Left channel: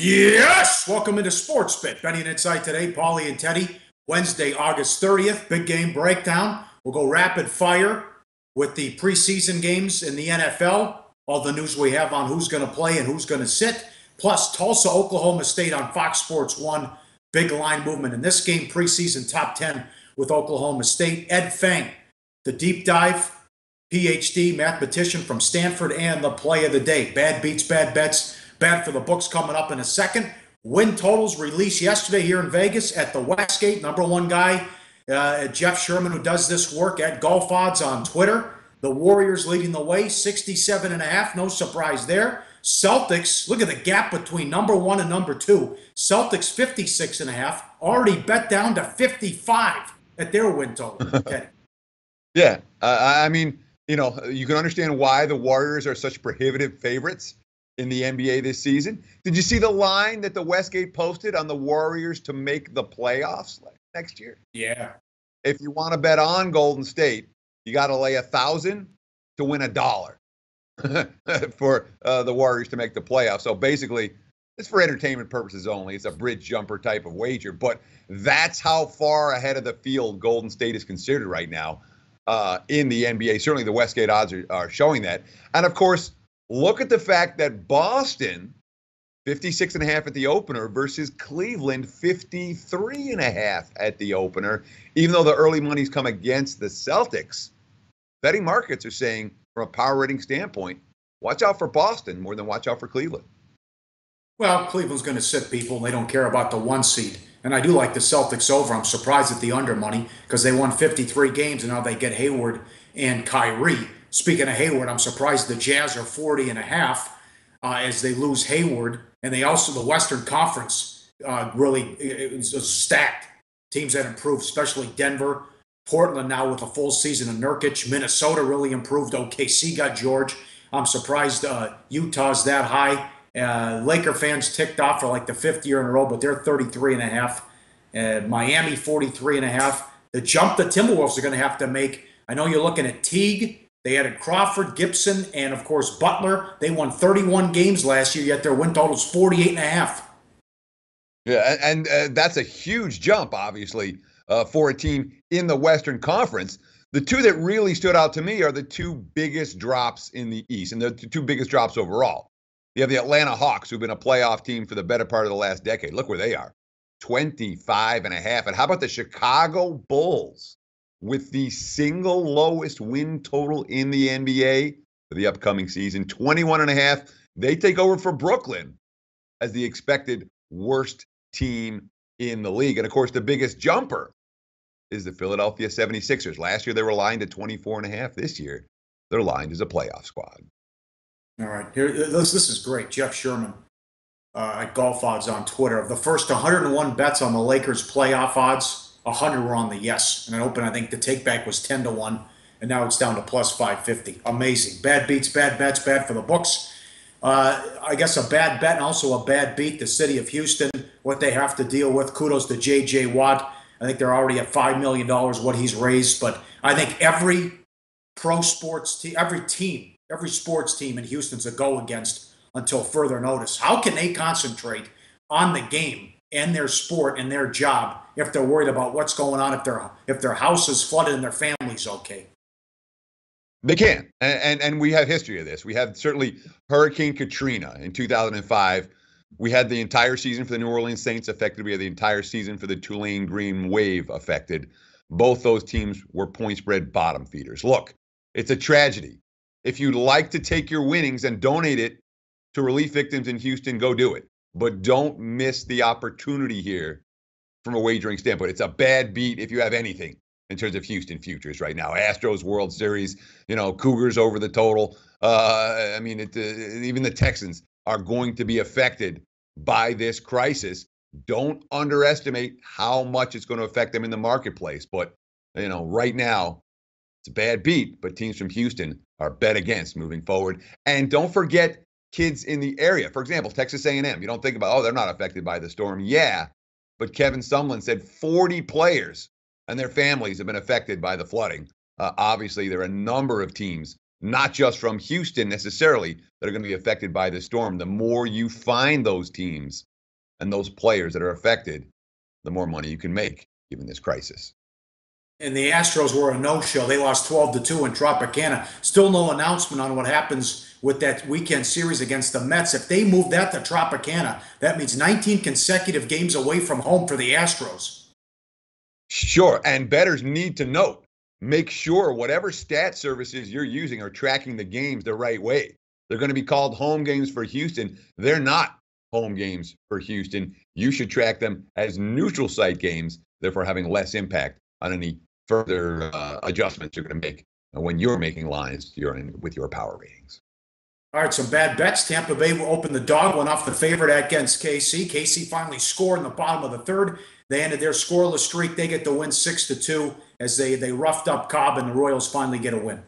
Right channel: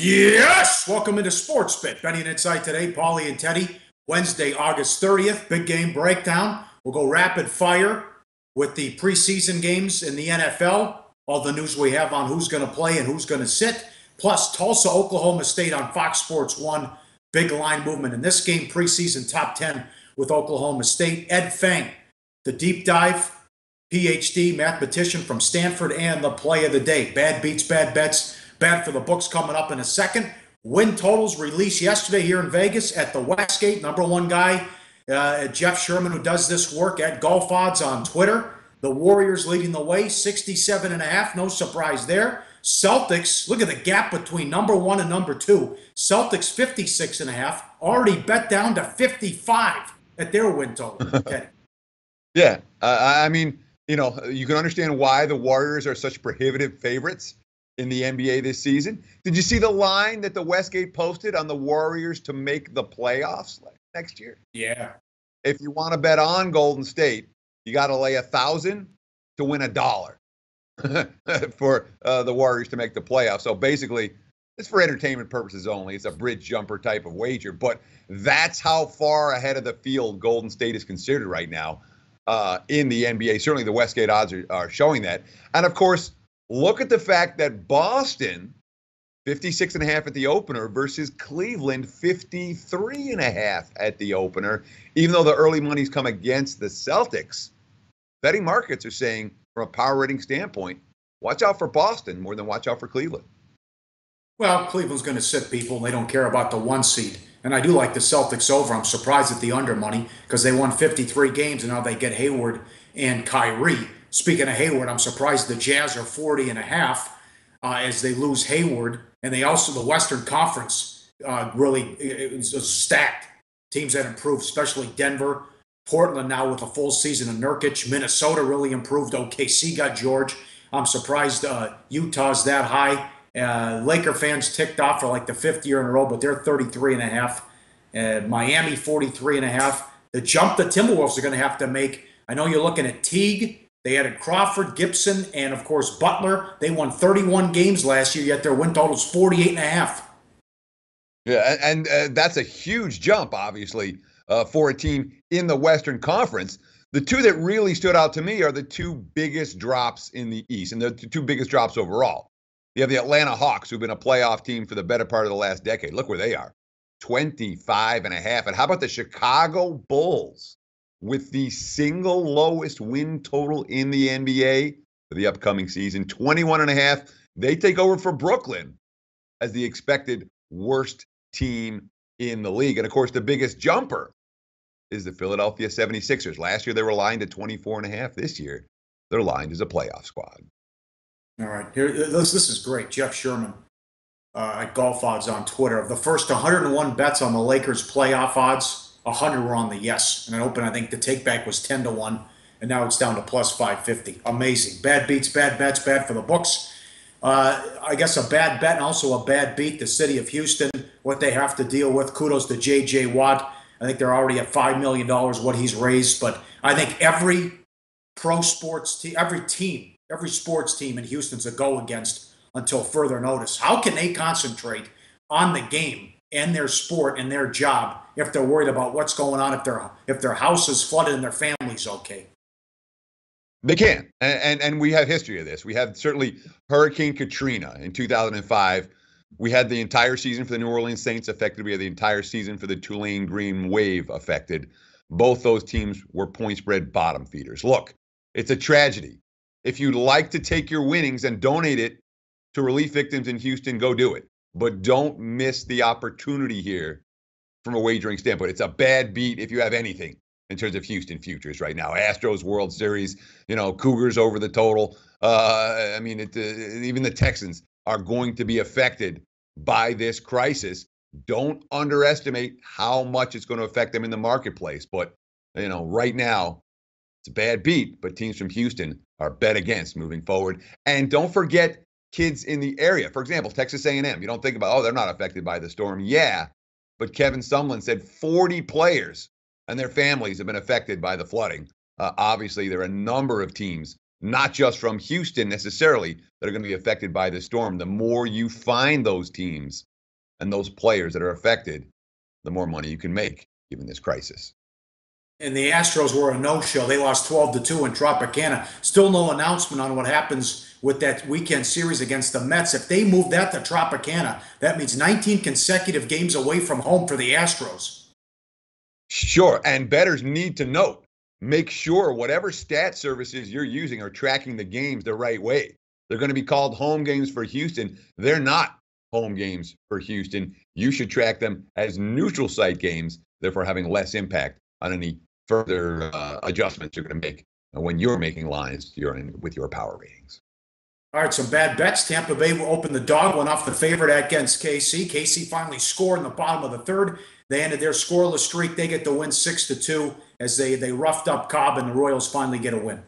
Yes! Welcome into Sports Bet. Betting Insight today, Pauly and Teddy. Wednesday, August 30th, big game breakdown. We'll go rapid fire with the preseason games in the NFL. All the news we have on who's going to play and who's going to sit. Plus, Tulsa-Oklahoma State on Fox Sports 1. Big line movement in this game. Preseason top 10 with Oklahoma State. Ed Feng, the deep dive, PhD mathematician from Stanford, and the play of the day. Bad beats, bad bets. Bad for the books coming up in a second. Win totals released yesterday here in Vegas at the Westgate. Number one guy, Jeff Sherman, who does this work at Golf Odds on Twitter. The Warriors leading the way, 67.5. No surprise there. Celtics, look at the gap between number one and number two. Celtics, 56.5. Already bet down to 55 at their win total. Okay. Yeah. I mean, you can understand why the Warriors are such prohibitive favorites in the NBA this season. Did you see the line that the Westgate posted on the Warriors to make the playoffs next year? Yeah. If you want to bet on Golden State, you got to lay $1,000 to win $1 for the Warriors to make the playoffs. So basically, it's for entertainment purposes only. It's a bridge jumper type of wager, but that's how far ahead of the field Golden State is considered right now in the NBA. Certainly the Westgate odds are showing that. And of course, look at the fact that Boston, 56.5 at the opener versus Cleveland, 53.5 at the opener. Even though the early money's come against the Celtics, betting markets are saying, from a power rating standpoint, watch out for Boston more than watch out for Cleveland. Well, Cleveland's going to sit people. They don't care about the one seed. And I do like the Celtics over. I'm surprised at the under money because they won 53 games and now they get Hayward and Kyrie. Speaking of Hayward, I'm surprised the Jazz are 40.5 as they lose Hayward. And they also, the Western Conference really is stacked. Teams that improved, especially Denver. Portland now with a full season of Nurkic. Minnesota really improved. OKC got George. I'm surprised Utah's that high. Laker fans ticked off for like the fifth year in a row, but they're 33.5. Miami, 43.5. The jump the Timberwolves are going to have to make. I know you're looking at Teague. They added Crawford, Gibson, and, of course, Butler. They won 31 games last year, yet their win total is 48.5. Yeah, and that's a huge jump, obviously, for a team in the Western Conference. The two that really stood out to me are the two biggest drops in the East, and the two biggest drops overall. You have the Atlanta Hawks, who've been a playoff team for the better part of the last decade. Look where they are, 25.5. And how about the Chicago Bulls? With the single lowest win total in the NBA for the upcoming season, 21.5. They take over for Brooklyn as the expected worst team in the league. And, of course, the biggest jumper is the Philadelphia 76ers. Last year, they were lined at 24.5. This year, they're lined as a playoff squad. All right. Here, this is great. Jeff Sherman at Golf Odds on Twitter. Of the first 101 bets on the Lakers playoff odds, 100 were on the yes. And it opened, I think the take back was 10-1, and now it's down to plus 550. Amazing. Bad beats, bad bets, bad for the books. I guess a bad bet and also a bad beat, the city of Houston, what they have to deal with. Kudos to J.J. Watt. I think they're already at $5 million what he's raised. But I think every pro sports team, every sports team in Houston's a go against until further notice. How can they concentrate on the game and their sport and their job if they're worried about what's going on, if their house is flooded and their family's okay? They can. And we have history of this. We have certainly Hurricane Katrina in 2005. We had the entire season for the New Orleans Saints affected. We had the entire season for the Tulane Green Wave affected. Both those teams were point spread bottom feeders. Look, it's a tragedy. If you'd like to take your winnings and donate it to relief victims in Houston, go do it. But don't miss the opportunity here from a wagering standpoint. It's a bad beat if you have anything in terms of Houston futures right now. Astros World Series, Cougars over the total. Even the Texans are going to be affected by this crisis. Don't underestimate how much it's going to affect them in the marketplace. But, right now, it's a bad beat, but teams from Houston are bet against moving forward. And don't forget kids in the area. For example, Texas A&M. You don't think about, they're not affected by the storm. Yeah, but Kevin Sumlin said 40 players and their families have been affected by the flooding. Obviously, there are a number of teams, not just from Houston necessarily, that are going to be affected by the storm. The more you find those teams, and those players that are affected, the more money you can make given this crisis. And the Astros were a no-show. They lost 12-2 in Tropicana. Still no announcement on what happens with that weekend series against the Mets. If they move that to Tropicana, that means 19 consecutive games away from home for the Astros. Sure, and bettors need to note, make sure whatever stat services you're using are tracking the games the right way. They're going to be called home games for Houston. They're not home games for Houston. You should track them as neutral site games, therefore having less impact on any further adjustments you're going to make when you're making lines with your power ratings. All right, some bad bets. Tampa Bay will open the dog, went off the favorite against KC. KC finally scored in the bottom of the third. They ended their scoreless streak. They get the win 6-2 as they roughed up Cobb, and the Royals finally get a win.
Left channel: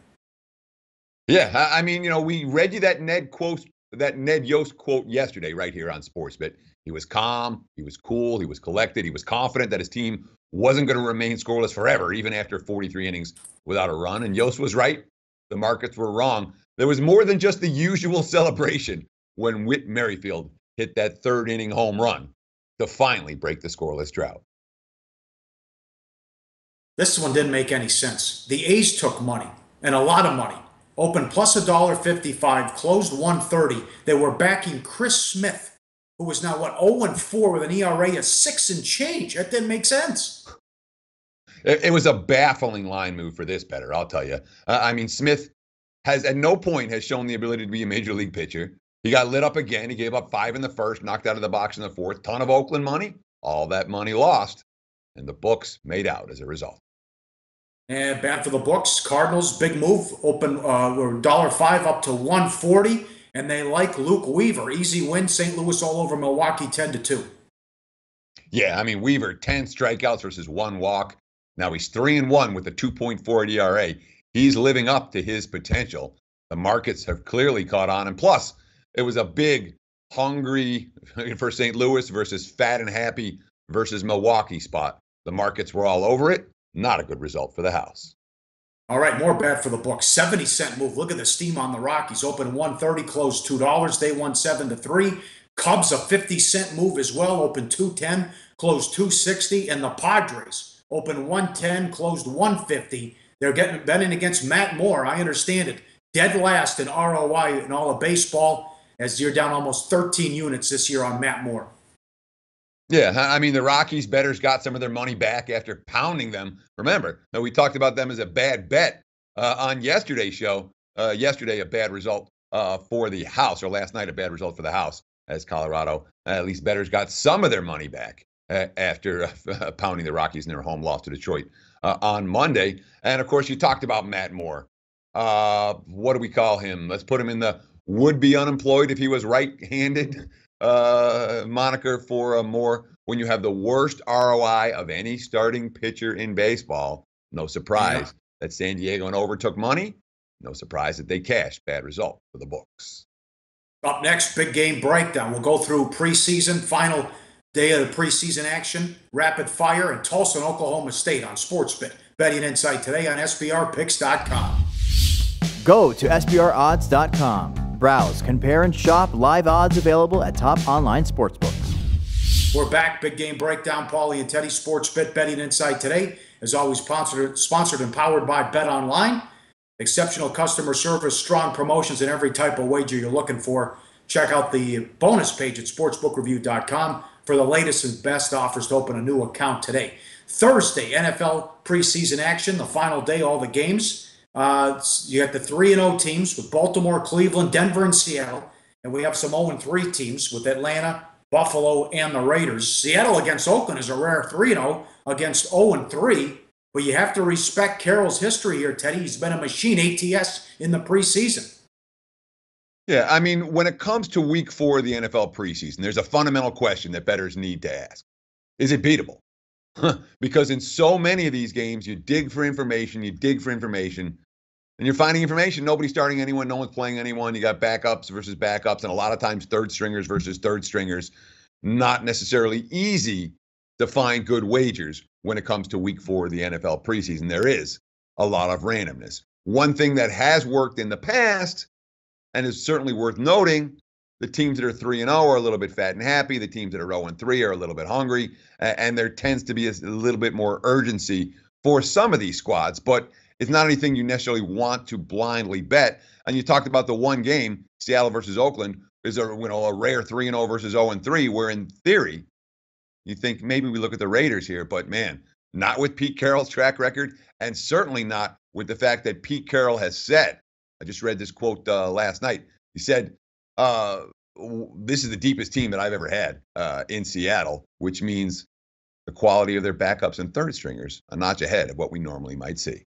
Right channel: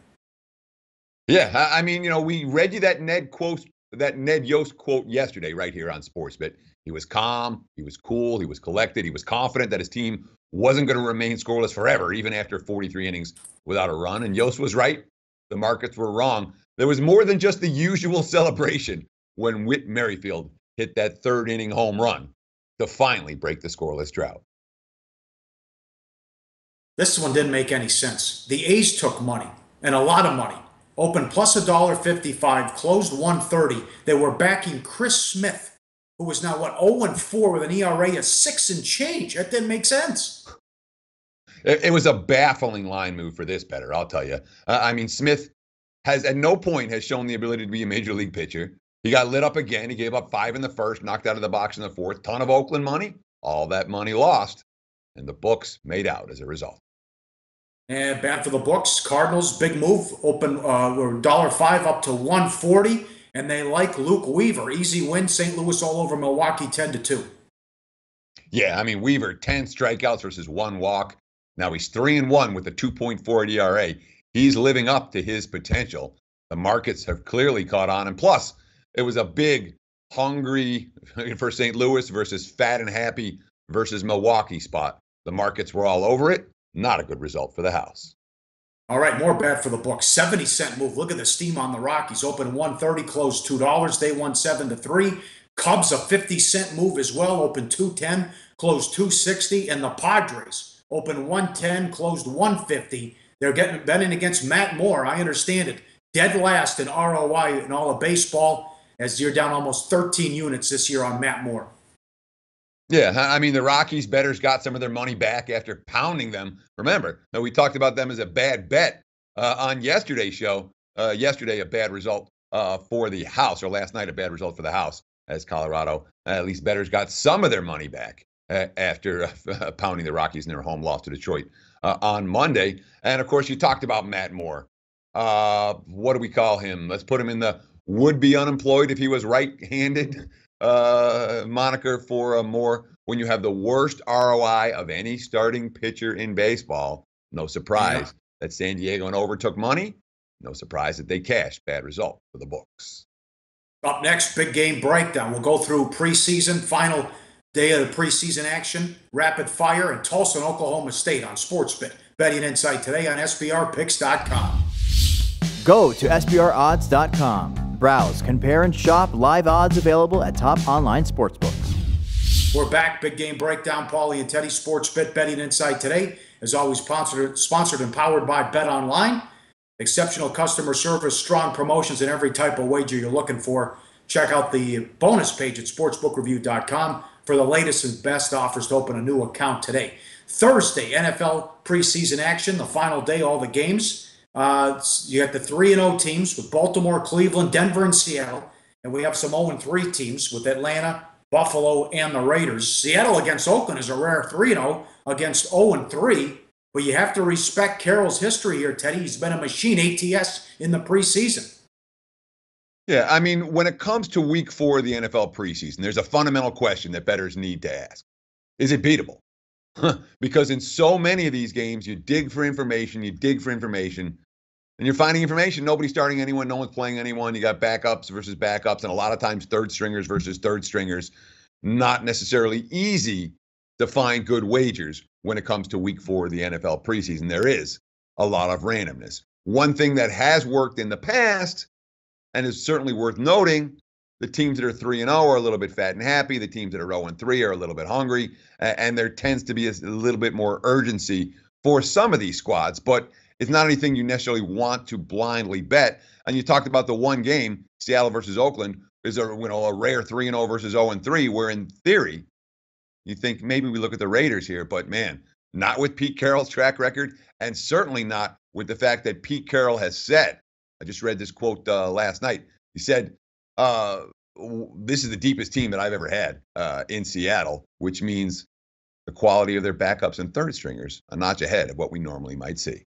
Yeah, I mean, we read you that Ned Yost quote yesterday right here on SportsBet. He was calm, he was cool, he was collected, he was confident that his team wasn't going to remain scoreless forever, even after 43 innings without a run. And Yost was right. The markets were wrong. There was more than just the usual celebration when Whit Merrifield hit that third inning home run to finally break the scoreless drought. This one didn't make any sense. The A's took money, and a lot of money. Opened plus $1.55, closed 130. They were backing Chris Smith, who was now, 0-4 with an ERA of 6 and change. That didn't make sense. It was a baffling line move for this bettor, I'll tell you. Smith has at no point has shown the ability to be a major league pitcher. He got lit up again. He gave up 5 in the first, knocked out of the box in the fourth. Ton of Oakland money. All that money lost, and the books made out as a result. And bad for the books. Cardinals, big move. Open $1.05 up to 140. And they like Luke Weaver. Easy win. St. Louis all over Milwaukee 10-2. Yeah, Weaver, 10 strikeouts versus 1 walk. Now he's 3-1 with a 2.4 ERA. He's living up to his potential. The markets have clearly caught on. And plus, it was a big, hungry for St. Louis versus fat and happy versus Milwaukee spot. The markets were all over it. Not a good result for the house. All right, more bad for the book. 70-cent move. Look at the steam on the Rockies. Open 130, closed $2. They won 7-3. Cubs, a 50-cent move as well. Open 210, closed 260. And the Padres open 110, closed 150. They're betting against Matt Moore. I understand it. Dead last in ROI in all of baseball, as you're down almost 13 units this year on Matt Moore. Yeah, the Rockies bettors got some of their money back after pounding them. Remember, we talked about them as a bad bet on yesterday's show. Yesterday, a bad result for the house, or last night, a bad result for the house, as Colorado, at least bettors got some of their money back after pounding the Rockies in their home loss to Detroit on Monday. And, of course, you talked about Matt Moore. What do we call him? Let's put him in the would-be unemployed if he was right-handed moniker for Moore. When you have the worst ROI of any starting pitcher in baseball, no surprise that San Diego and overtook money. No surprise that they cashed. Bad result for the books. Up next, big game breakdown. We'll go through preseason, final day of the preseason action, rapid fire, and Tulsa and Oklahoma State on SportsBet. Betting Insight today on SBRpicks.com. Go to SBRodds.com. Browse, compare, and shop live odds available at top online sportsbooks. We're back. Big game breakdown. Pauly and Teddy, SportsBet Betting Insight today. As always, sponsored and powered by BetOnline. Exceptional customer service, strong promotions, and every type of wager you're looking for. Check out the bonus page at sportsbookreview.com for the latest and best offers to open a new account today. Thursday, NFL preseason action, the final day, all the games. You got the 3-0 teams with Baltimore, Cleveland, Denver, and Seattle. And we have some 0-3 teams with Atlanta, Buffalo, and the Raiders. Seattle against Oakland is a rare 3-0 against 0-3. But you have to respect Carroll's history here, Teddy. He's been a machine ATS in the preseason. Yeah, when it comes to week 4 of the NFL preseason, there's a fundamental question that bettors need to ask. Is it beatable? Because in so many of these games, you dig for information, and you're finding information. Nobody's starting anyone, no one's playing anyone. You got backups versus backups, and a lot of times third stringers versus third stringers. Not necessarily easy to find good wagers when it comes to week 4 of the NFL preseason. There is a lot of randomness. One thing that has worked in the past, and is certainly worth noting, The teams that are 3-0 are a little bit fat and happy. The teams that are 0-3 are a little bit hungry. And there tends to be a little bit more urgency for some of these squads. But it's not anything you necessarily want to blindly bet. And you talked about the one game, Seattle versus Oakland, is a rare 3-0 versus 0-3, where in theory, you think maybe we look at the Raiders here. But, man, not with Pete Carroll's track record, and certainly not with the fact that Pete Carroll has said, I just read this quote last night. He said, this is the deepest team that I've ever had in Seattle, which means the quality of their backups and third stringers a notch ahead of what we normally might see.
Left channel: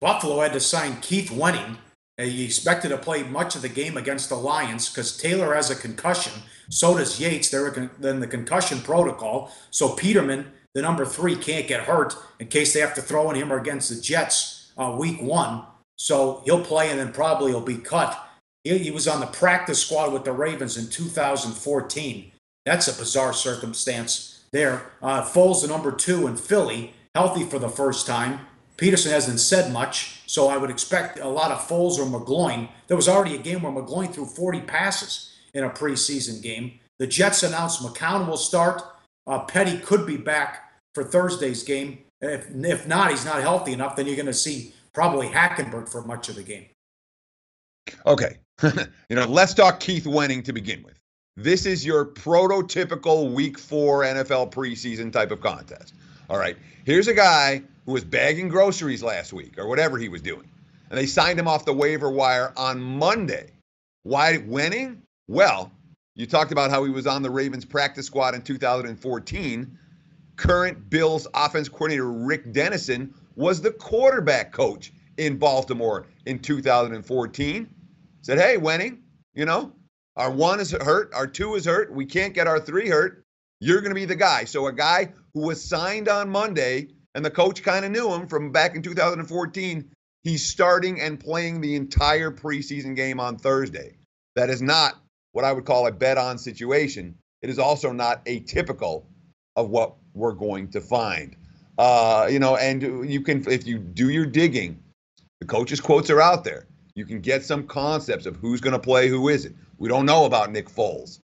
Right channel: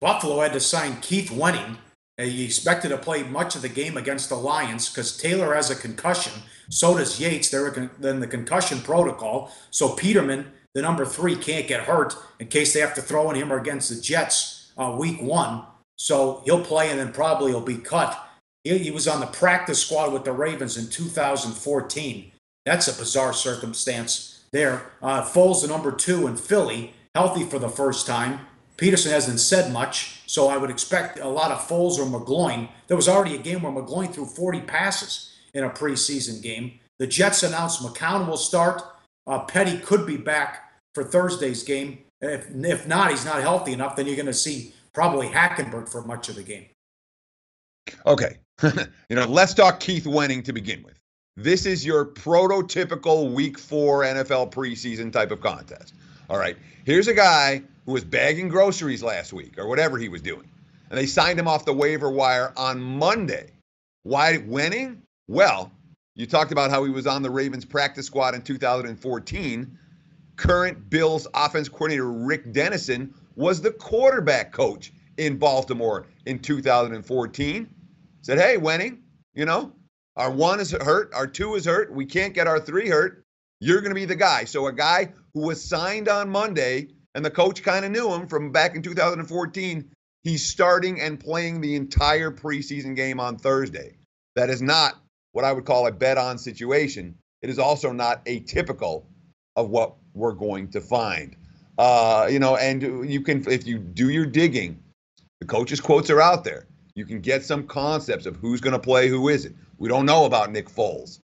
Buffalo had to sign Keith Wenning. He expected to play much of the game against the Lions because Taylor has a concussion. So does Yates. They're in the concussion protocol. So Peterman, the number 3, can't get hurt in case they have to throw in him against the Jets week 1. So he'll play and then probably he'll be cut. He was on the practice squad with the Ravens in 2014. That's a bizarre circumstance there. Foles, the number 2 in Philly, healthy for the first time. Peterson hasn't said much, so I would expect a lot of Foles or McGloin. There was already a game where McGloin threw 40 passes in a preseason game. The Jets announced McCown will start. Petty could be back for Thursday's game. If not, he's not healthy enough, then you're going to see probably Hackenberg for much of the game. Okay. Let's talk Keith Wenning to begin with. This is your prototypical Week 4 NFL preseason type of contest. All right. Here's a guy who was bagging groceries last week or whatever he was doing, and they signed him off the waiver wire on Monday. Why Wenning? Well, you talked about how he was on the Ravens practice squad in 2014. Current Bills offense coordinator Rick Dennison was the quarterback coach in Baltimore in 2014. Said, hey, Wenning, our 1 is hurt, our 2 is hurt, we can't get our 3 hurt. You're going to be the guy. So a guy who was signed on Monday, and the coach kind of knew him from back in 2014, he's starting and playing the entire preseason game on Thursday. That is not what I would call a bet-on situation. It is also not atypical of what we're going to find. And you can, if you do your digging, the coach's quotes are out there. You can get some concepts of who's going to play, who isn't. We don't know about Nick Foles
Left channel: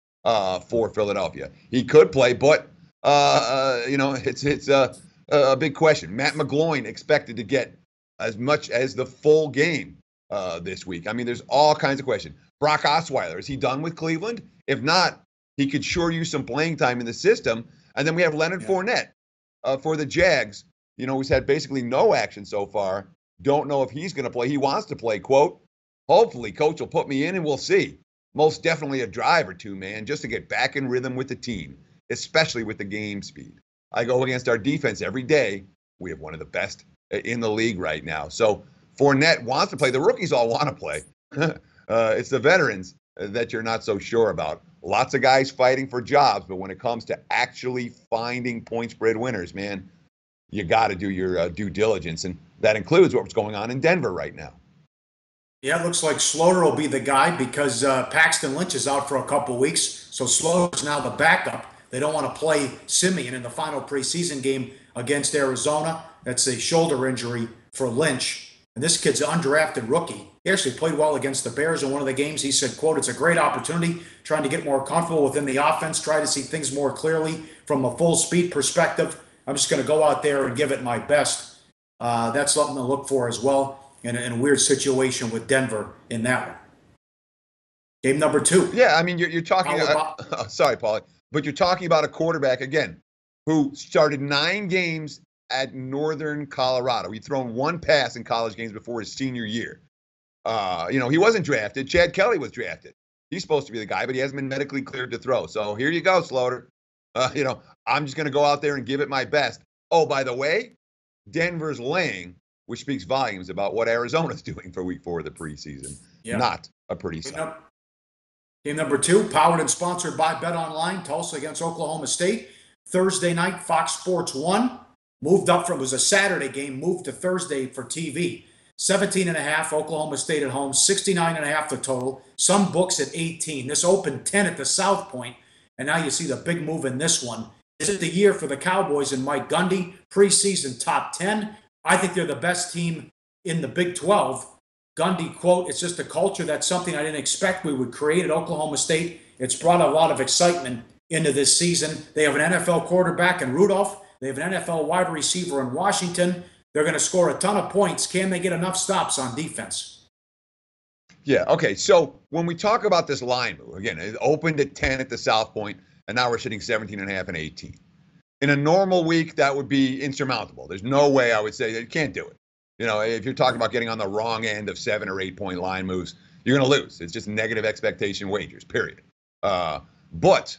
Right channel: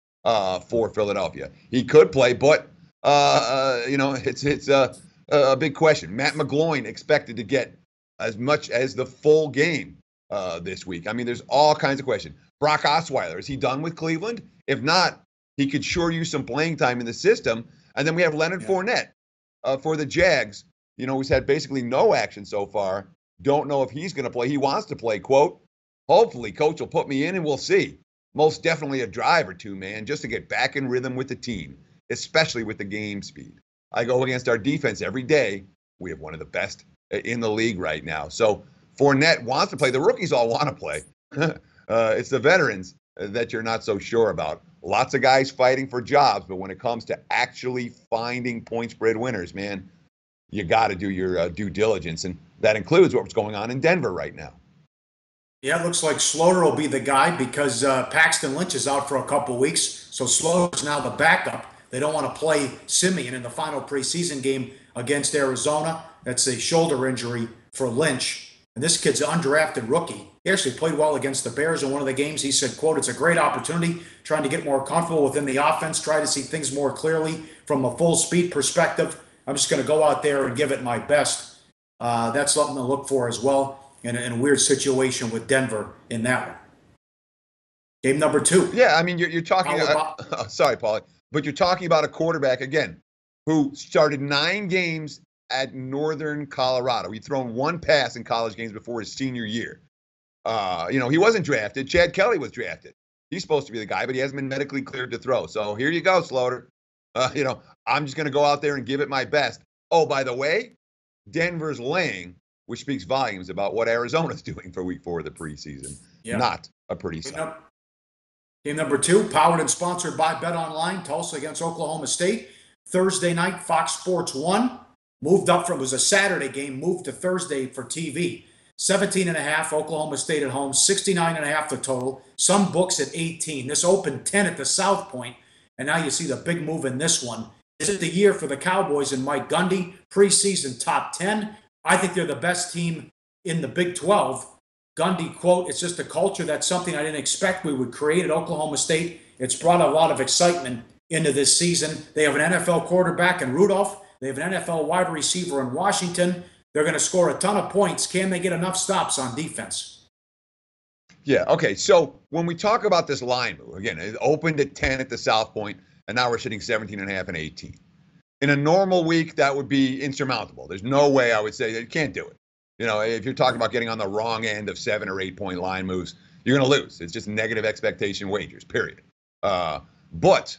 for Philadelphia. He could play, but it's a big question. Matt McGloin expected to get as much as the full game this week. I mean, there's all kinds of questions. Brock Osweiler, is he done with Cleveland? If not, he could sure use some playing time in the system. And then we have Leonard Fournette for the Jags. He's had basically no action so far. Don't know if he's going to play. He wants to play, quote, hopefully coach will put me in and we'll see. Most definitely a drive or two, man, just to get back in rhythm with the team, especially with the game speed. I go against our defense every day. We have one of the best in the league right now. So Fournette wants to play. The rookies all want to play. It's the veterans that you're not so sure about. Lots of guys fighting for jobs, but when it comes to actually finding point spread winners, man, you got to do your due diligence, and that includes what's going on in Denver right now. Yeah, it looks like Slaughter will be the guy because Paxton Lynch is out for a couple weeks, so Slaughter's now the backup. They don't want to play Simeon in the final preseason game against Arizona. That's a shoulder injury for Lynch. And this kid's an undrafted rookie. He actually played well against the Bears in one of the games. He said, quote, it's a great opportunity, trying to get more comfortable within the offense, try to see things more clearly from a full speed perspective. I'm just going to go out there and give it my best. That's something to look for as well in a weird situation with Denver in that one. Game number 2. Yeah, I mean, you're talking sorry, Pauly, but you're talking about a quarterback, again, who started 9 games at Northern Colorado. He'd thrown 1 pass in college games before his senior year. He wasn't drafted. Chad Kelly was drafted. He's supposed to be the guy, but he hasn't been medically cleared to throw. So here you go, Slaughter. I'm just going to go out there and give it my best. Oh, by the way, Denver's laying, which speaks volumes about what Arizona's doing for Week 4 of the preseason. Yeah. Not a pretty sign. Game number 2, powered and sponsored by BetOnline, Tulsa against Oklahoma State. Thursday night, Fox Sports 1. Moved up from, it was a Saturday game, moved to Thursday for TV. 17.5, Oklahoma State at home, 69.5 the total. Some books at 18. This opened 10 at the South Point, and now you see the big move in this one. This is the year for the Cowboys and Mike Gundy, preseason top 10. I think they're the best team in the Big 12. Gundy, quote, "It's just a culture. That's something I didn't expect we would create at Oklahoma State. It's brought a lot of excitement into this season. They have an NFL quarterback in Rudolph. They have an NFL wide receiver in Washington. They're going to score a ton of points. Can they get enough stops on defense?" Yeah, okay. So when we talk about this line move, again, it opened at 10 at the South Point, and now we're sitting 17.5 and 18. In a normal week, that would be insurmountable. There's no way I would say that you can't do it. If you're talking about getting on the wrong end of 7 or 8 point line moves, you're going to lose. It's just negative expectation wagers, period. But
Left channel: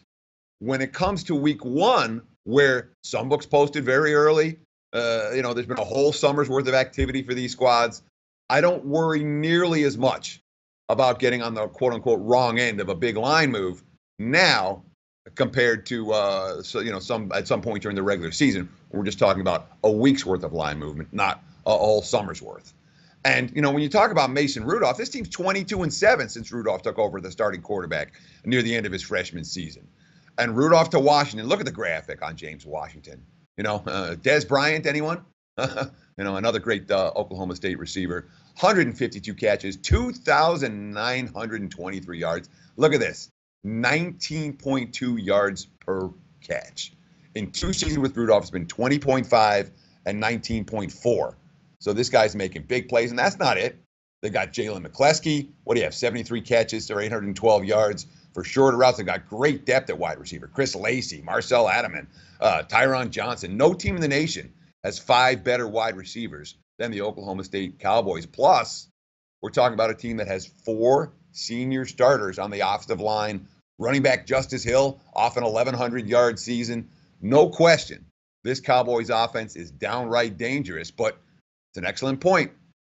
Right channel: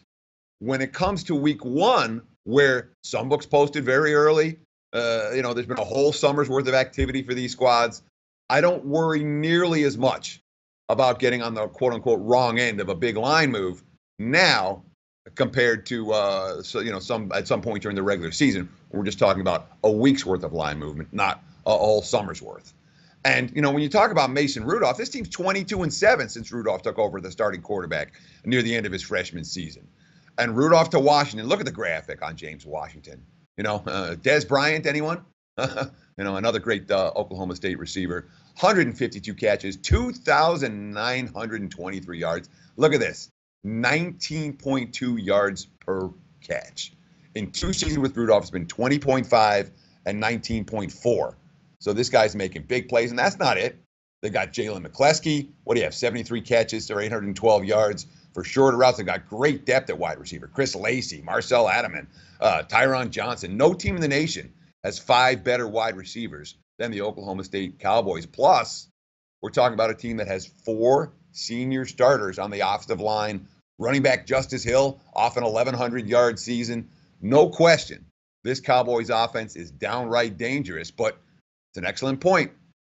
when it comes to week 1, where some books posted very early, there's been a whole summer's worth of activity for these squads, I don't worry nearly as much about getting on the quote-unquote wrong end of a big line move now compared to at some point during the regular season. We're just talking about a week's worth of line movement, not a whole summer's worth. And when you talk about Mason Rudolph, this team's 22-7 since Rudolph took over the starting quarterback near the end of his freshman season. And Rudolph to Washington, look at the graphic on James Washington. Des Bryant, anyone? Another great Oklahoma State receiver. 152 catches, 2,923 yards. Look at this, 19.2 yards per catch. In 2 seasons with Rudolph, it's been 20.5 and 19.4. So this guy's making big plays, and that's not it. They got Jalen McCleskey. What do you have, 73 catches or 812 yards for shorter routes. They got great depth at wide receiver. Chris Lacey, Marcel Adaman, Tyron Johnson. No team in the nation has 5 better wide receivers than the Oklahoma State Cowboys. Plus, we're talking about a team that has 4 senior starters on the offensive line. Running back Justice Hill off an 1,100-yard season. No question, this Cowboys offense is downright dangerous, but it's an excellent point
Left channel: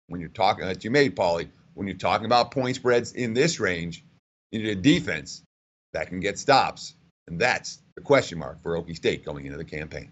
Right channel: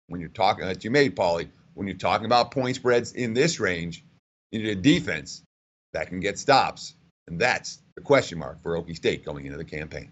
when you're talking, that you made, Pauly, when you're talking about point spreads in this range, you need a defense that can get stops. And that's the question mark for Okie State going into the campaign.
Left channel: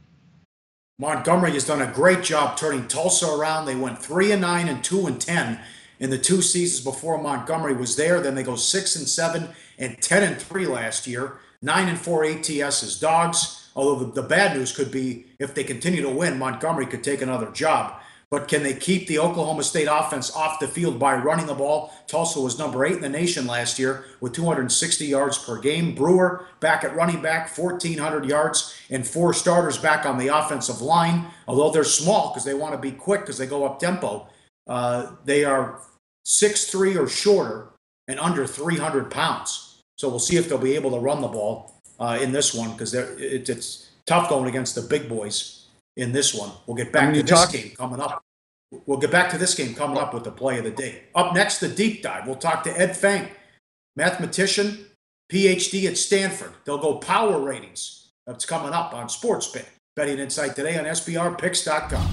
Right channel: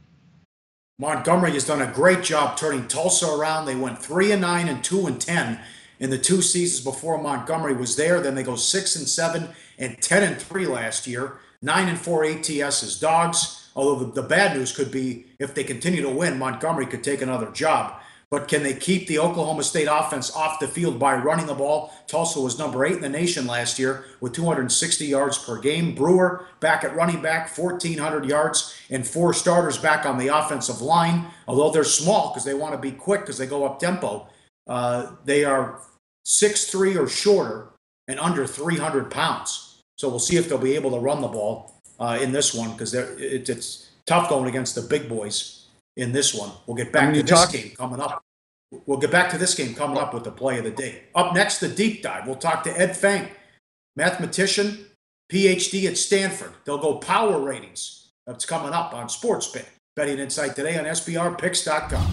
Montgomery has done a great job turning Tulsa around. They went 3-9 and 2-10 in the 2 seasons before Montgomery was there. Then they go 6-7 and 10-3 last year. 9-4 ATS as dogs. Although the bad news could be if they continue to win, Montgomery could take another job. But can they keep the Oklahoma State offense off the field by running the ball? Tulsa was number 8 in the nation last year with 260 yards per game. Brewer back at running back, 1,400 yards, and 4 starters back on the offensive line. Although they're small because they want to be quick because they go up tempo. They are 6'3" or shorter and under 300 pounds. So we'll see if they'll be able to run the ball in this one because it's tough going against the big boys in this one. We'll get back to this game coming up. We'll get back to this game coming up with the play of the day. Up next, the deep dive. We'll talk to Ed Feng, mathematician, PhD at Stanford. They'll go power ratings. That's coming up on SportsBit. Betting Insight today on SBRPicks.com.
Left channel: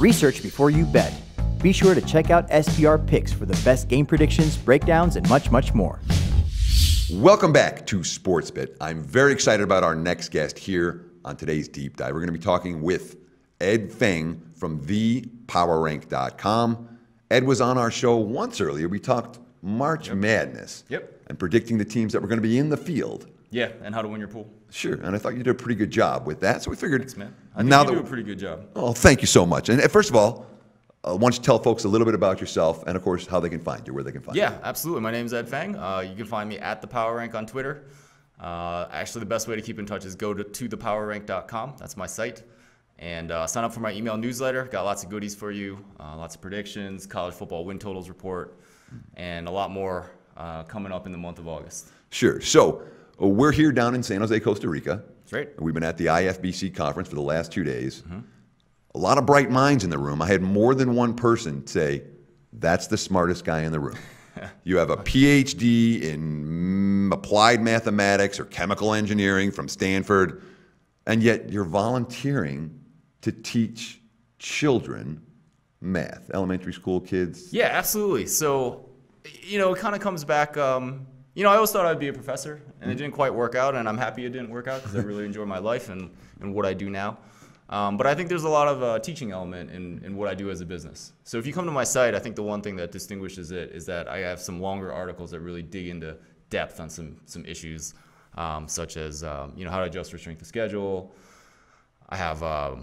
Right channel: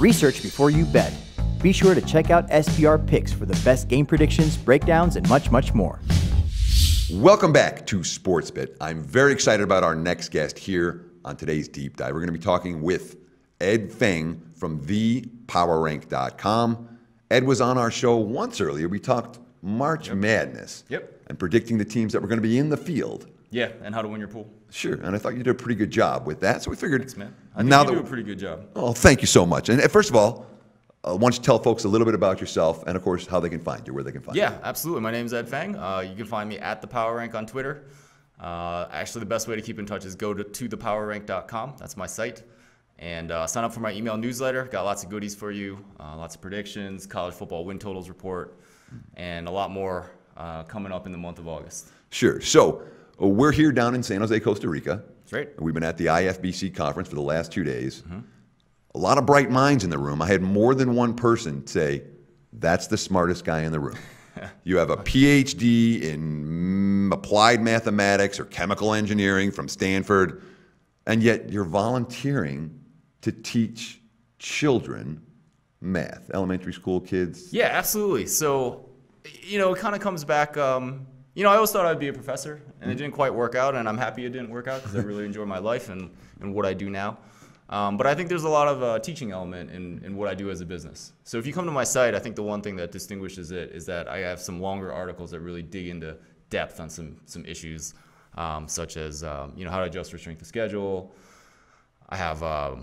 Research before you bet. Be sure to check out SBR Picks for the best game predictions, breakdowns, and much, much more. Welcome back to SportsBit. I'm very excited about our next guest here on today's deep dive. We're going to be talking with Ed Feng from thepowerrank.com. Ed was on our show once earlier. We talked March Madness. And predicting the teams that were going to be in the field. Yeah, and how to win your pool. Sure, and I thought you did a pretty good job with that. So we figured. Thanks, man. I think you do a pretty good job. Oh, thank you so much. And first of all, why don't you tell folks a little bit about yourself and, of course, how they can find you, where they can find you. Yeah, absolutely. My name is Ed Feng. You can find me at The Power Rank on Twitter. Actually, the best way to keep in touch is go to thepowerrank.com. That's my site. And sign up for my email newsletter. Got lots of goodies for you, lots of predictions, college football win totals report, and a lot more coming up in the month of August. Sure. So we're here down in San Jose, Costa Rica. That's right. We've been at the IFBC conference for the last 2 days. Mm-hmm. A lot of bright minds in the room. I had more than one person say, that's the smartest guy in the room. You have a PhD in applied mathematics or chemical engineering from Stanford, and yet you're volunteering to teach children math, elementary school kids. Yeah, absolutely. So, it kind of comes back, I always thought I'd be a professor, and it didn't quite work out, and I'm happy it didn't work out because I really enjoy my life and what I do now. But I think there's a lot of teaching element in what I do as a business. So if you come to my site, I think the one thing that distinguishes it is that I have some longer articles that really dig into depth on some issues, such as how to adjust for strength of schedule. I have a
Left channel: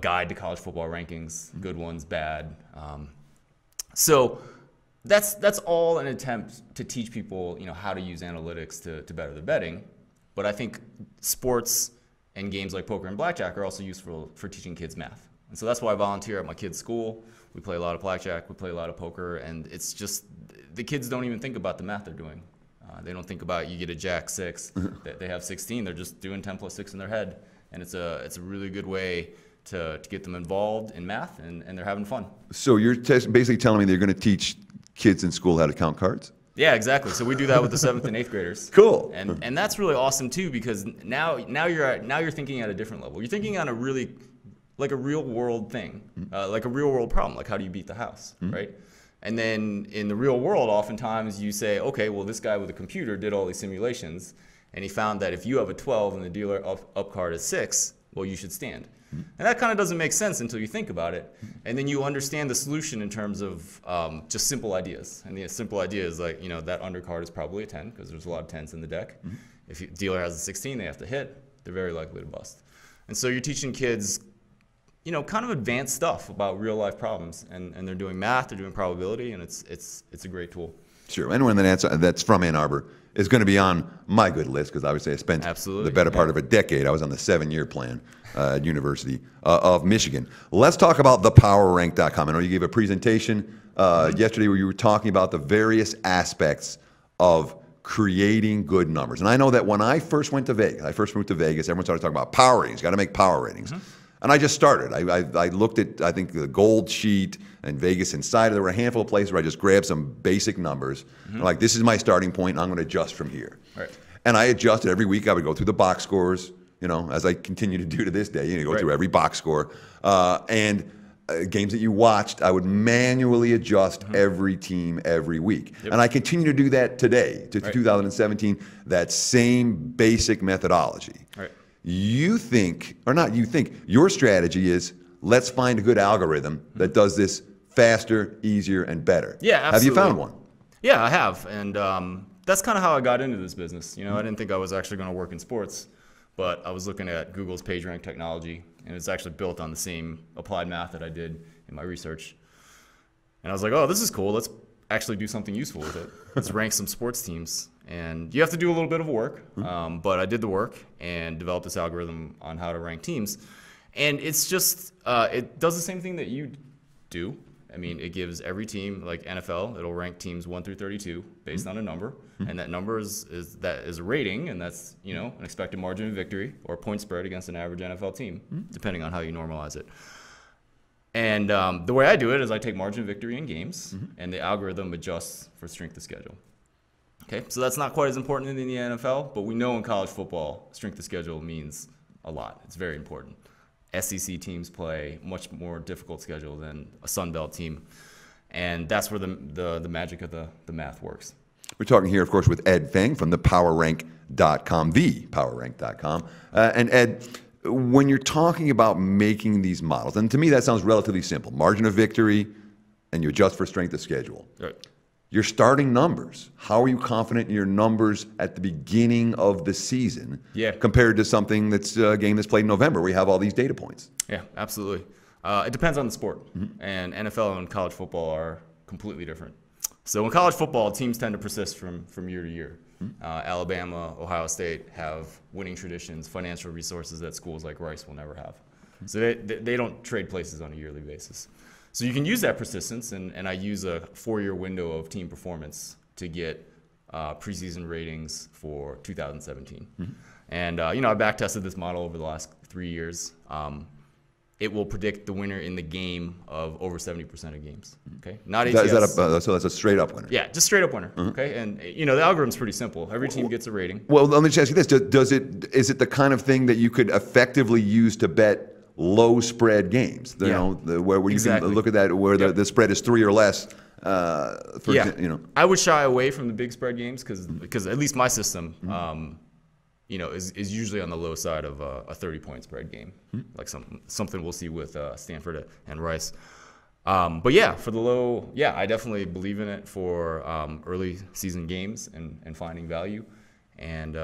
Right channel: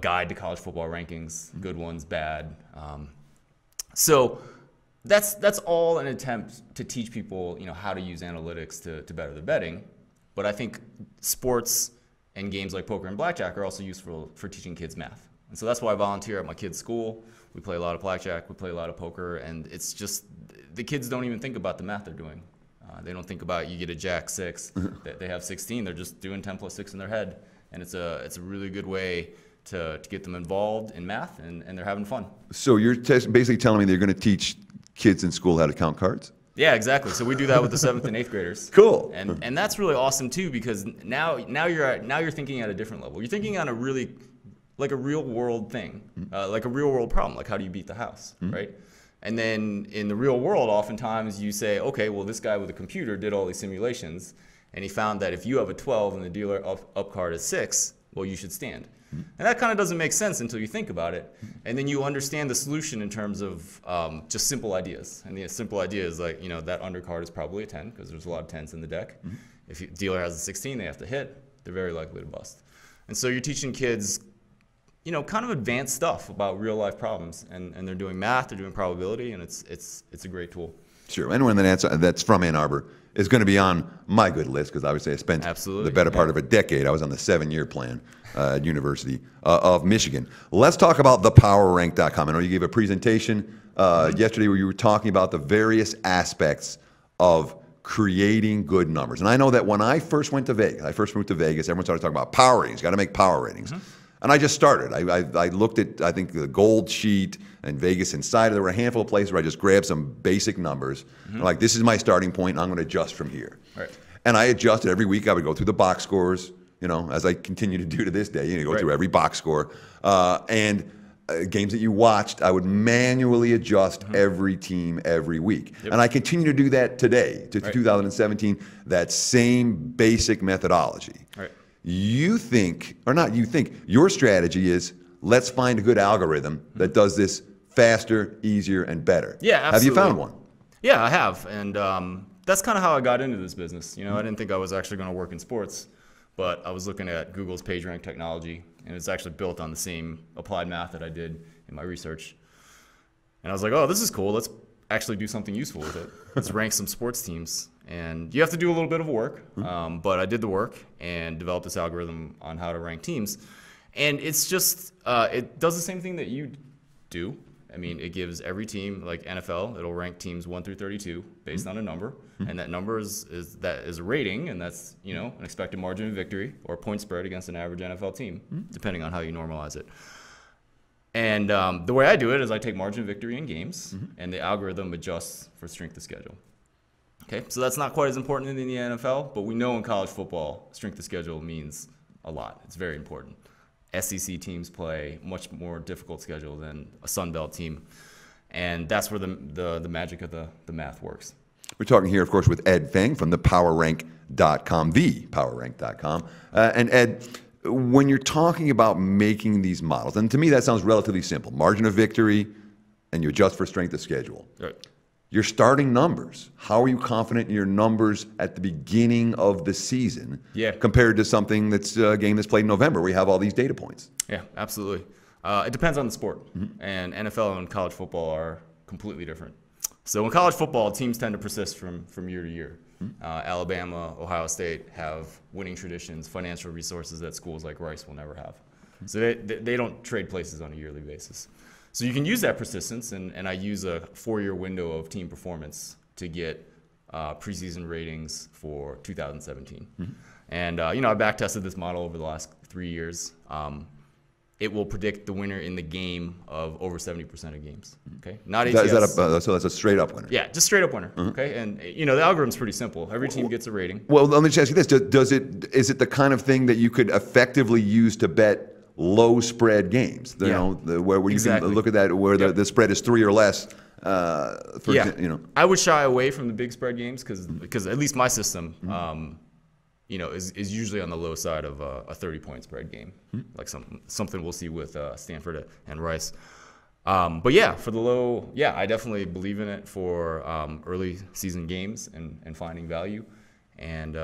guide to college football rankings, good ones, bad. So that's all an attempt to teach people, how to use analytics to better their betting. But I think sports and games like poker and blackjack are also useful for teaching kids math. And so that's why I volunteer at my kids' school. We play a lot of blackjack, we play a lot of poker, and it's just the kids don't even think about the math they're doing. They don't think about you get a jack 6, they have 16, they're just doing 10 plus 6 in their head. And it's a really good way to get them involved in math, and they're having fun. So you're basically telling me they're going to teach kids in school how to count cards? Yeah, exactly. So we do that with the 7th and 8th graders. Cool. And that's really awesome too, because now you're thinking at a different level. You're thinking on a really like a real world thing, like a real world problem, like how do you beat the house, right? And then in the real world, oftentimes you say, okay, well, this guy with a computer did all these simulations, and he found that if you have a 12 and the dealer up card is 6, well, you should stand. And that kind of doesn't make sense until you think about it. And then you understand the solution in terms of just simple ideas. And the simple idea is like, that undercard is probably a 10 because there's a lot of 10s in the deck. If the dealer has a 16, they have to hit. They're very likely to bust. And so you're teaching kids, kind of advanced stuff about real life problems. And they're doing math, they're doing probability, and it's a great tool. Sure. Anyone that's from Ann Arbor is going to be on my good list because obviously I spent the better part of a decade. I was on the 7-year plan at University of Michigan. Let's talk about thepowerrank.com. I know you gave a presentation yesterday where you were talking about the various aspects of creating good numbers. And I know that when I first moved to Vegas, everyone started talking about power ratings. Got to make power ratings. And I just started. I looked at, I think, the Gold Sheet and Vegas Insider. There were a handful of places where I just grabbed some basic numbers. Like, this is my starting point, and I'm going to adjust from here. Right. And I adjusted every week. I would go through the box scores, as I continue to do to this day. You go through every box score. And games that you watched, I would manually adjust every team every week. And I continue to do that today, to 2017, that same basic methodology. Right. Your strategy is, let's find a good algorithm that does this faster, easier, and better. Yeah, absolutely. Have you found one? Yeah, I have. And that's kind of how I got into this business. I didn't think I was actually going to work in sports, but I was looking at Google's PageRank technology, and it's actually built on the same applied math that I did in my research. And I was like, oh, this is cool. Let's actually do something useful with it. Let's rank some sports teams. And you have to do a little bit of work, but I did the work and developed this algorithm on how to rank teams. And it's just, it does the same thing that you do. I mean, it gives every team, like NFL, it'll rank teams 1 through 32 based on a number. And that number is a rating, and that's, an expected margin of victory or point spread against an average NFL team, depending on how you normalize it. And the way I do it is I take margin of victory in games, and the algorithm adjusts for strength of schedule. Okay, so that's not quite as important in the NFL, but we know in college football, strength of schedule means a lot. It's very important. SEC teams play much more difficult schedule than a Sun Belt team, and that's where the magic of the math works. We're talking here, of course, with Ed Feng from thepowerrank.com, thepowerrank.com. And Ed, when you're talking about making these models, and to me that sounds relatively simple, margin of victory, and you adjust for strength of schedule. Right. Your starting numbers. How are you confident in your numbers at the beginning of the season compared to something that's a game that's played in November where you have all these data points? Yeah, absolutely. It depends on the sport. And NFL and college football are completely different. So in college football, teams tend to persist from year to year. Alabama, Ohio State have winning traditions, financial resources that schools like Rice will never have. So they don't trade places on a yearly basis. So you can use that persistence, and I use a 4-year window of team performance to get preseason ratings for 2017. And I back-tested this model over the last 3 years. It will predict the winner in the game of over 70% of games. Okay, not ATS. So that's a straight-up winner. Yeah, just straight-up winner. Okay, and the algorithm's pretty simple. Every team gets a rating. Well, let me just ask you this: is it the kind of thing that you could effectively use to bet low spread games, where you can look at that where the spread is 3 or less? I would shy away from the big spread games because at least my system, is usually on the low side of a 30-point spread game, like something we'll see with Stanford and Rice. But yeah, for the low, I definitely believe in it for early season games and finding value. And,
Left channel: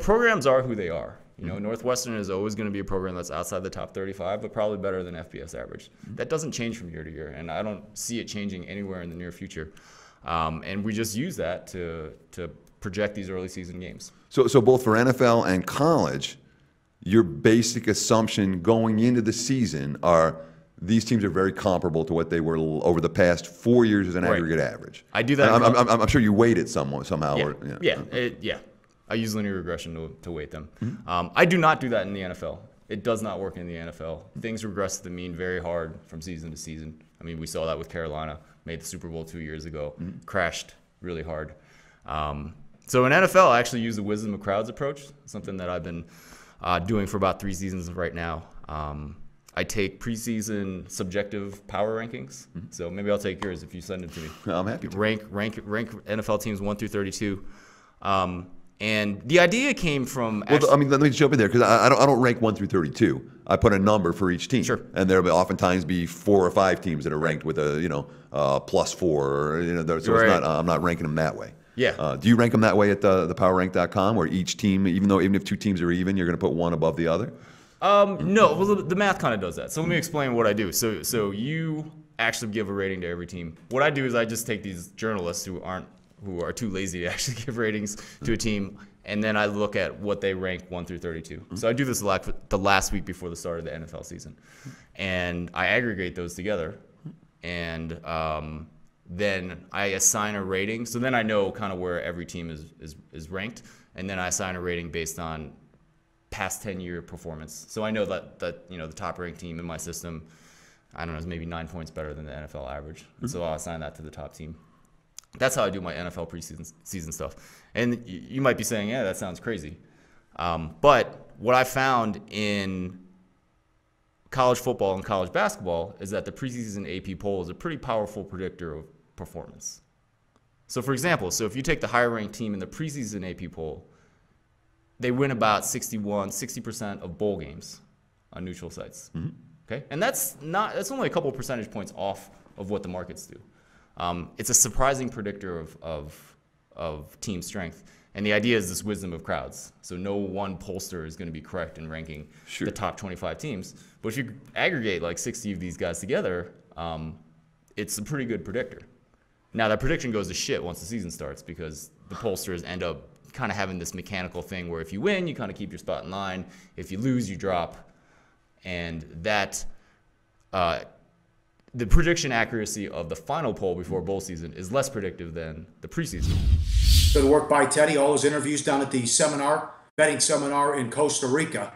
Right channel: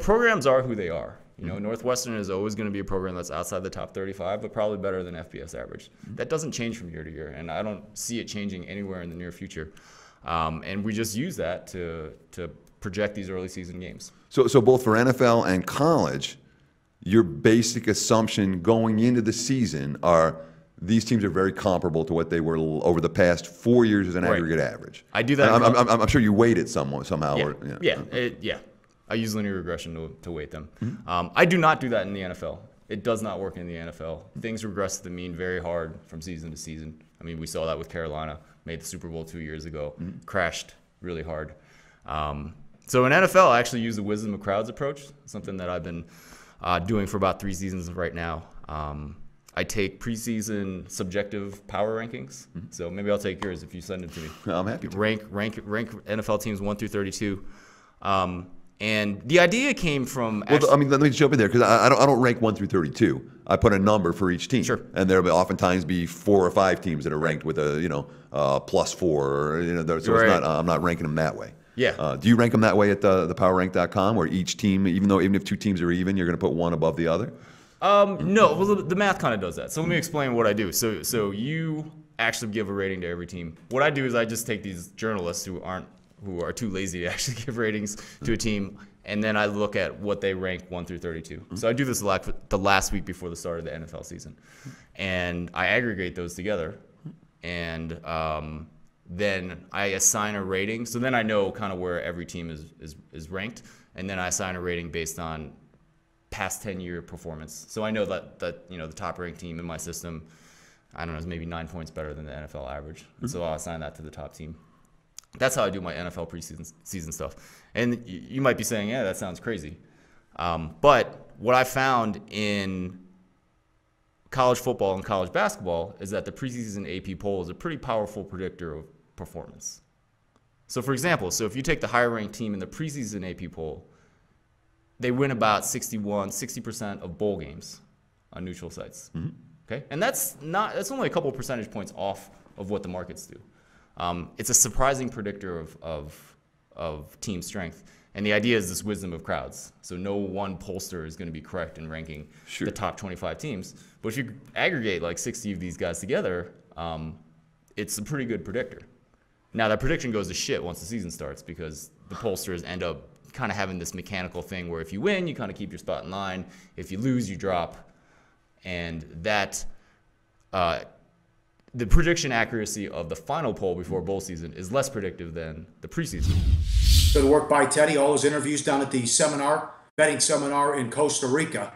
programs are who they are. Northwestern is always going to be a program that's outside the top 35, but probably better than FBS average. That doesn't change from year to year, and I don't see it changing anywhere in the near future. And we just use that to project these early season games. So both for NFL and college, your basic assumption going into the season are these teams are very comparable to what they were over the past 4 years as an aggregate average. I do that. I'm sure you weight it somehow. Yeah. I use linear regression to weight them. I do not do that in the NFL. It does not work in the NFL. Things regress to the mean very hard from season to season. I mean, we saw that with Carolina, made the Super Bowl 2 years ago, crashed really hard. So in NFL, I actually use the wisdom of crowds approach, something that I've been doing for about 3 seasons right now. I take preseason subjective power rankings. So maybe I'll take yours if you send it to me. I'm happy to. Rank NFL teams 1 through 32. And the idea came from. Let me jump in there because I don't rank 1 through 32. I put a number for each team. Sure. And there'll oftentimes be 4 or 5 teams that are ranked with a +4. Or, so it's not. I'm not ranking them that way. Yeah. Do you rank them that way at the PowerRank.com, where each team, even if 2 teams are even, you're going to put one above the other? No. Well, the math kind of does that. So let me explain what I do. So you actually give a rating to every team. What I do is I just take these journalists who are too lazy to actually give ratings to a team, and then I look at what they rank 1 through 32. So I do this the last week before the start of the NFL season, and I aggregate those together, and then I assign a rating. So then I know kind of where every team is ranked, and then I assign a rating based on past 10-year performance. So I know that the top ranked team in my system, I don't know, is maybe 9 points better than the NFL average. And so I'll assign that to the top team. That's how I do my NFL preseason stuff. And you might be saying, yeah, that sounds crazy. But what I found in college football and college basketball is that the preseason AP poll is a pretty powerful predictor of performance. So for example, if you take the higher ranked team in the preseason AP poll, they win about 60% of bowl games on neutral sites. Okay? And that's only a couple percentage points off of what the markets do. It's a surprising predictor of team strength. And the idea is this wisdom of crowds. So no one pollster is going to be correct in ranking the top 25 teams. But if you aggregate like 60 of these guys together, it's a pretty good predictor. Now, that prediction goes to shit once the season starts because the pollsters end up kind of having this mechanical thing where if you win, you kind of keep your spot in line. If you lose, you drop. And that the prediction accuracy of the final poll before bowl season is less predictive than the preseason. Good work by Teddy. All those interviews down at the betting seminar in Costa Rica.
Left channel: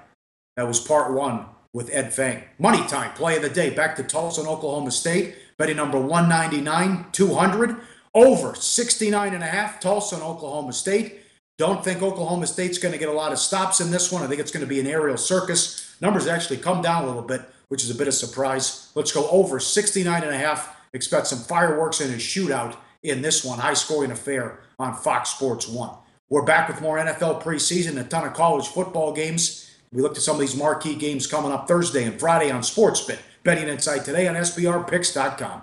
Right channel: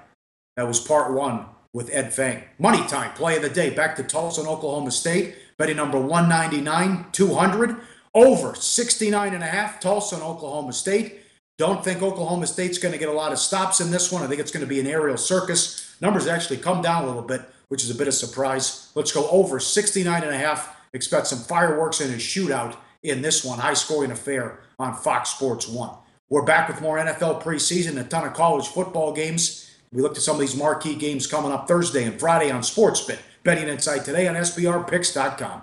That was part 1 with Ed Feng. Money time, play of the day. Back to Tulsa and Oklahoma State. Betting number 199, 200. Over 69.5, Tulsa and Oklahoma State. Don't think Oklahoma State's going to get a lot of stops in this one. I think it's going to be an aerial circus. Numbers actually come down a little bit, which is a bit of surprise. Let's go over 69.5. Expect some fireworks and a shootout in this one. High-scoring affair on Fox Sports 1. We're back with more NFL preseason, a ton of college football games. We looked at some of these marquee games coming up Thursday and Friday on SportsBit. Betting Insight today on SBRPicks.com.